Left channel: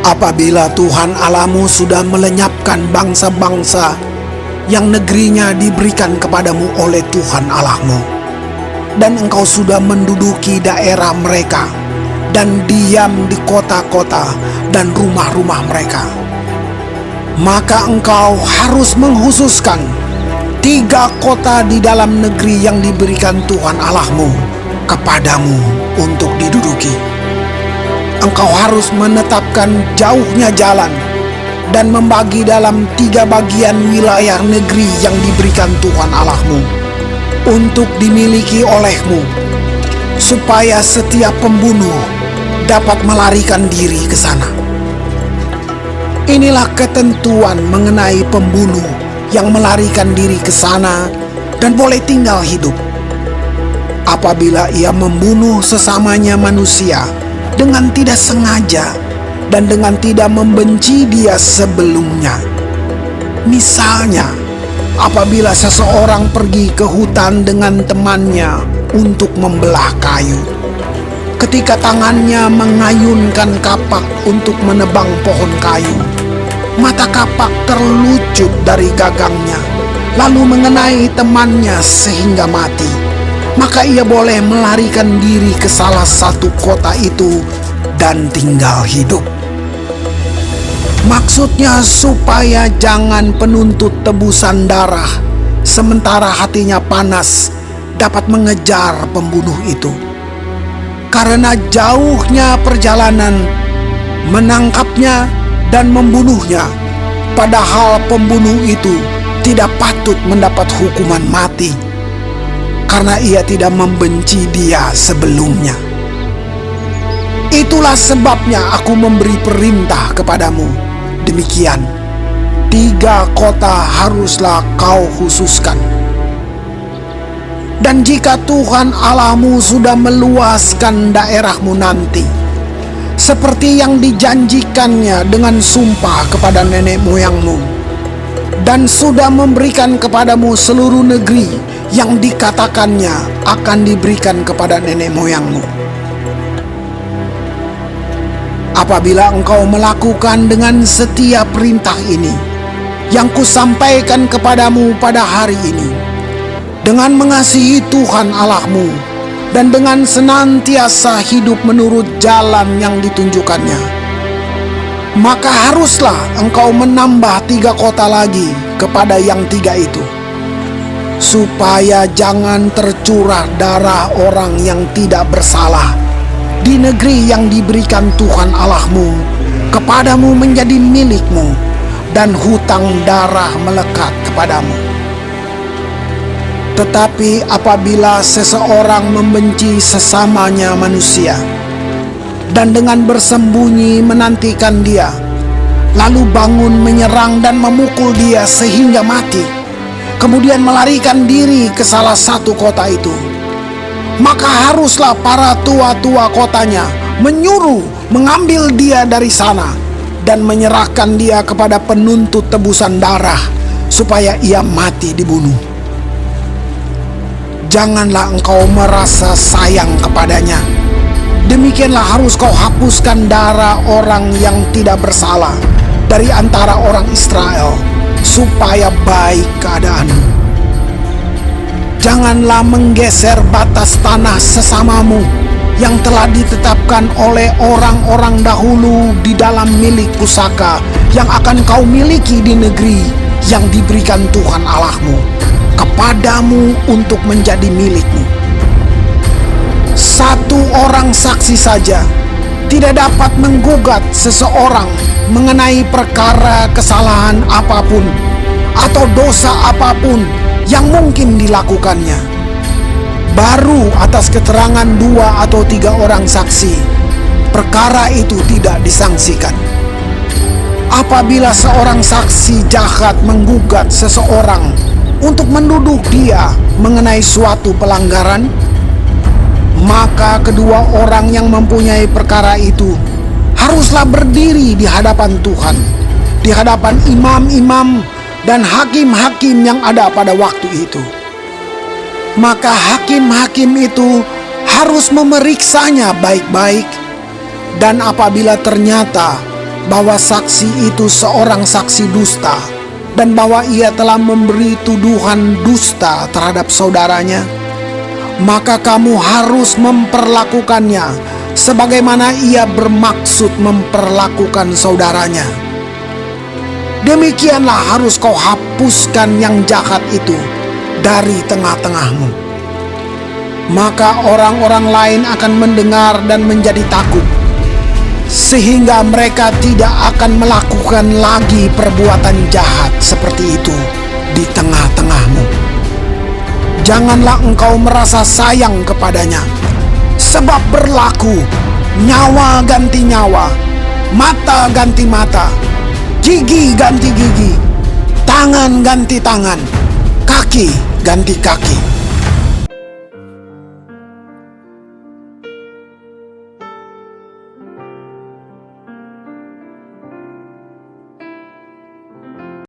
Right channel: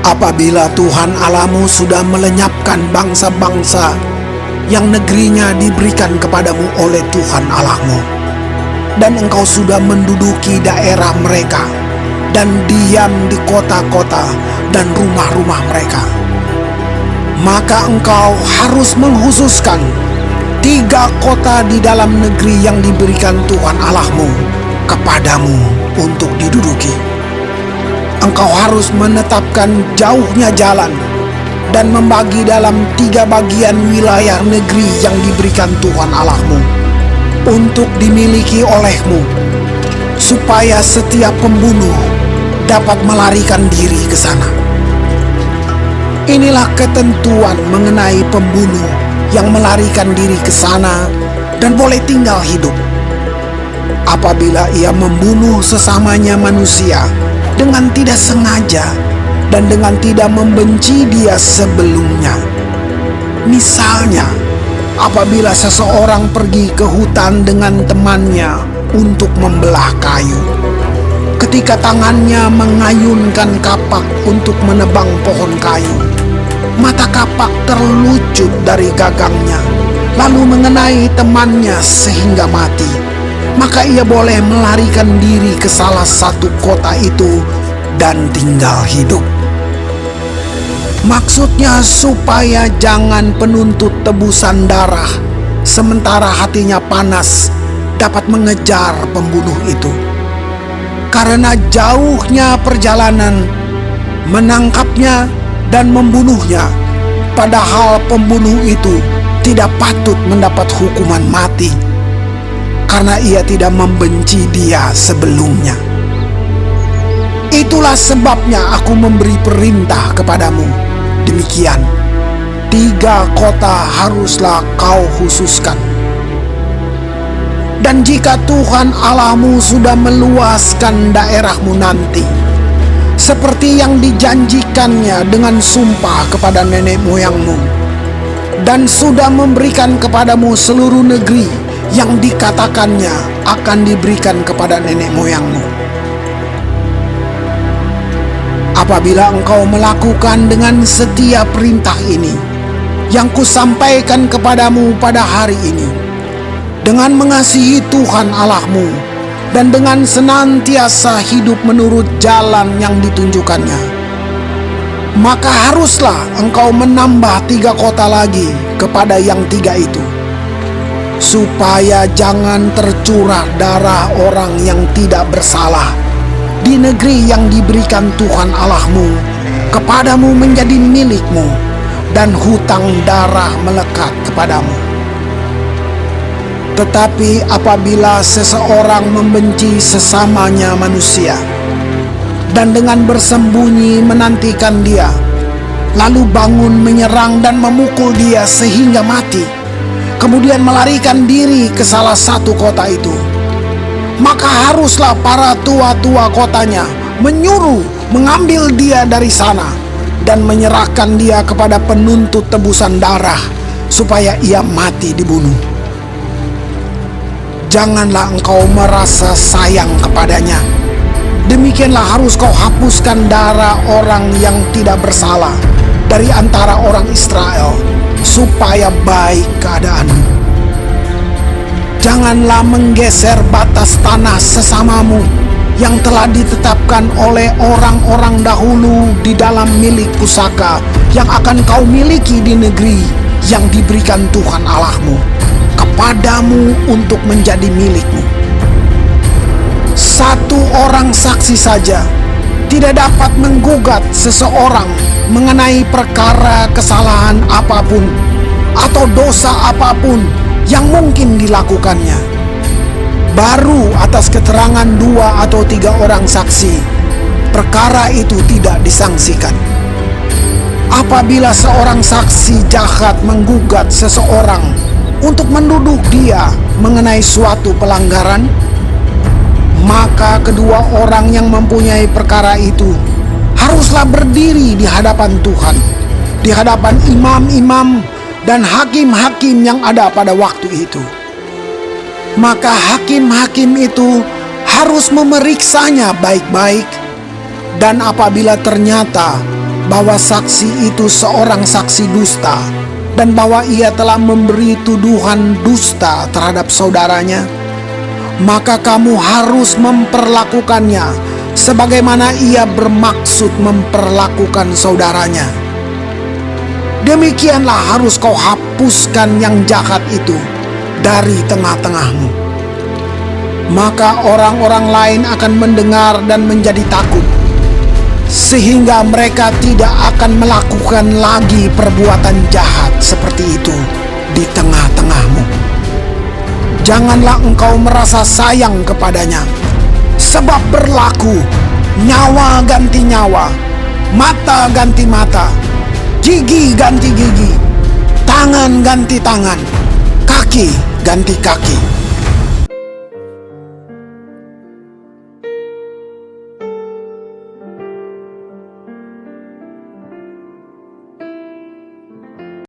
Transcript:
Apabila Tuhan Allahmu sudah melenyapkan bangsa-bangsa yang negerinya diberikan kepadamu oleh Tuhan Allahmu, dan engkau sudah menduduki daerah mereka dan diam di kota-kota dan rumah-rumah mereka, maka engkau harus menghususkan 3 kota di dalam negeri yang diberikan Tuhan Allahmu kepadamu untuk diduduki. Engkau harus menetapkan jauhnya jalan dan membagi dalam 3 bagian wilayah negeri yang diberikan Tuhan Allahmu untuk dimiliki olehmu, supaya setiap pembunuh dapat melarikan diri ke sana. Inilah ketentuan mengenai pembunuh yang melarikan diri ke sana dan boleh tinggal hidup. Apabila ia membunuh sesamanya manusia dengan tidak sengaja dan dengan tidak membenci dia sebelumnya. Misalnya, apabila seseorang pergi ke hutan dengan temannya untuk membelah kayu, ketika tangannya mengayunkan kapak untuk menebang pohon kayu, mata kapak terlucut dari gagangnya, lalu mengenai temannya sehingga mati. Maka ia boleh melarikan diri ke salah satu kota itu dan tinggal hidup. Maksudnya supaya jangan penuntut tebusan darah sementara hatinya panas dapat mengejar pembunuh itu. Karena jauhnya perjalanan menangkapnya dan membunuhnya, padahal pembunuh itu tidak patut mendapat hukuman mati, karena ia tidak membenci dia sebelumnya. Itulah sebabnya aku memberi perintah kepadamu. Demikian, 3 kota haruslah kau khususkan. Dan jika Tuhan Allahmu sudah meluaskan daerahmu nanti, seperti yang dijanjikannya dengan sumpah kepada nenek moyangmu, dan sudah memberikan kepadamu seluruh negeri yang dikatakannya akan diberikan kepada nenek moyangmu. Apabila engkau melakukan dengan setia perintah ini yang kusampaikan kepadamu pada hari ini, dengan mengasihi Tuhan Allahmu dan dengan senantiasa hidup menurut jalan yang ditunjukkannya, maka haruslah engkau menambah 3 kota lagi kepada yang 3 itu, supaya jangan tercurah darah orang yang tidak bersalah di negeri yang diberikan Tuhan Allahmu kepadamu menjadi milikmu, dan hutang darah melekat kepadamu. Tetapi apabila seseorang membenci sesamanya manusia dan dengan bersembunyi menantikan dia, lalu bangun menyerang dan memukul dia sehingga mati, kemudian melarikan diri ke salah satu kota itu, maka haruslah para tua-tua kotanya menyuruh mengambil dia dari sana dan menyerahkan dia kepada penuntut tebusan darah supaya ia mati dibunuh. Janganlah engkau merasa sayang kepadanya. Demikianlah harus kau hapuskan darah orang yang tidak bersalah dari antara orang Israel, supaya baik keadaanmu. Janganlah menggeser batas tanah sesamamu yang telah ditetapkan oleh orang-orang dahulu di dalam milik pusaka yang akan kau miliki di negeri yang diberikan Tuhan Allahmu kepadamu untuk menjadi milikmu. 1 orang saksi saja tidak dapat menggugat seseorang mengenai perkara kesalahan apapun atau dosa apapun yang mungkin dilakukannya. Baru atas keterangan 2 atau 3 orang saksi, perkara itu tidak disangsikan. Apabila seorang saksi jahat menggugat seseorang untuk menuduh dia mengenai suatu pelanggaran, maka kedua orang yang mempunyai perkara itu haruslah berdiri di hadapan Tuhan, di hadapan imam-imam dan hakim-hakim yang ada pada waktu itu. Maka hakim-hakim itu harus memeriksanya baik-baik, dan apabila ternyata bahwa saksi itu seorang saksi dusta, dan bahwa ia telah memberi tuduhan dusta terhadap saudaranya, maka kamu harus memperlakukannya sebagaimana ia bermaksud memperlakukan saudaranya. Demikianlah harus kau hapuskan yang jahat itu dari tengah-tengahmu. Maka orang-orang lain akan mendengar dan menjadi takut, sehingga mereka tidak akan melakukan lagi perbuatan jahat seperti itu di tengah-tengahmu. Janganlah engkau merasa sayang kepadanya, sebab berlaku nyawa ganti nyawa, mata ganti mata, gigi ganti gigi, tangan ganti tangan, kaki ganti kaki.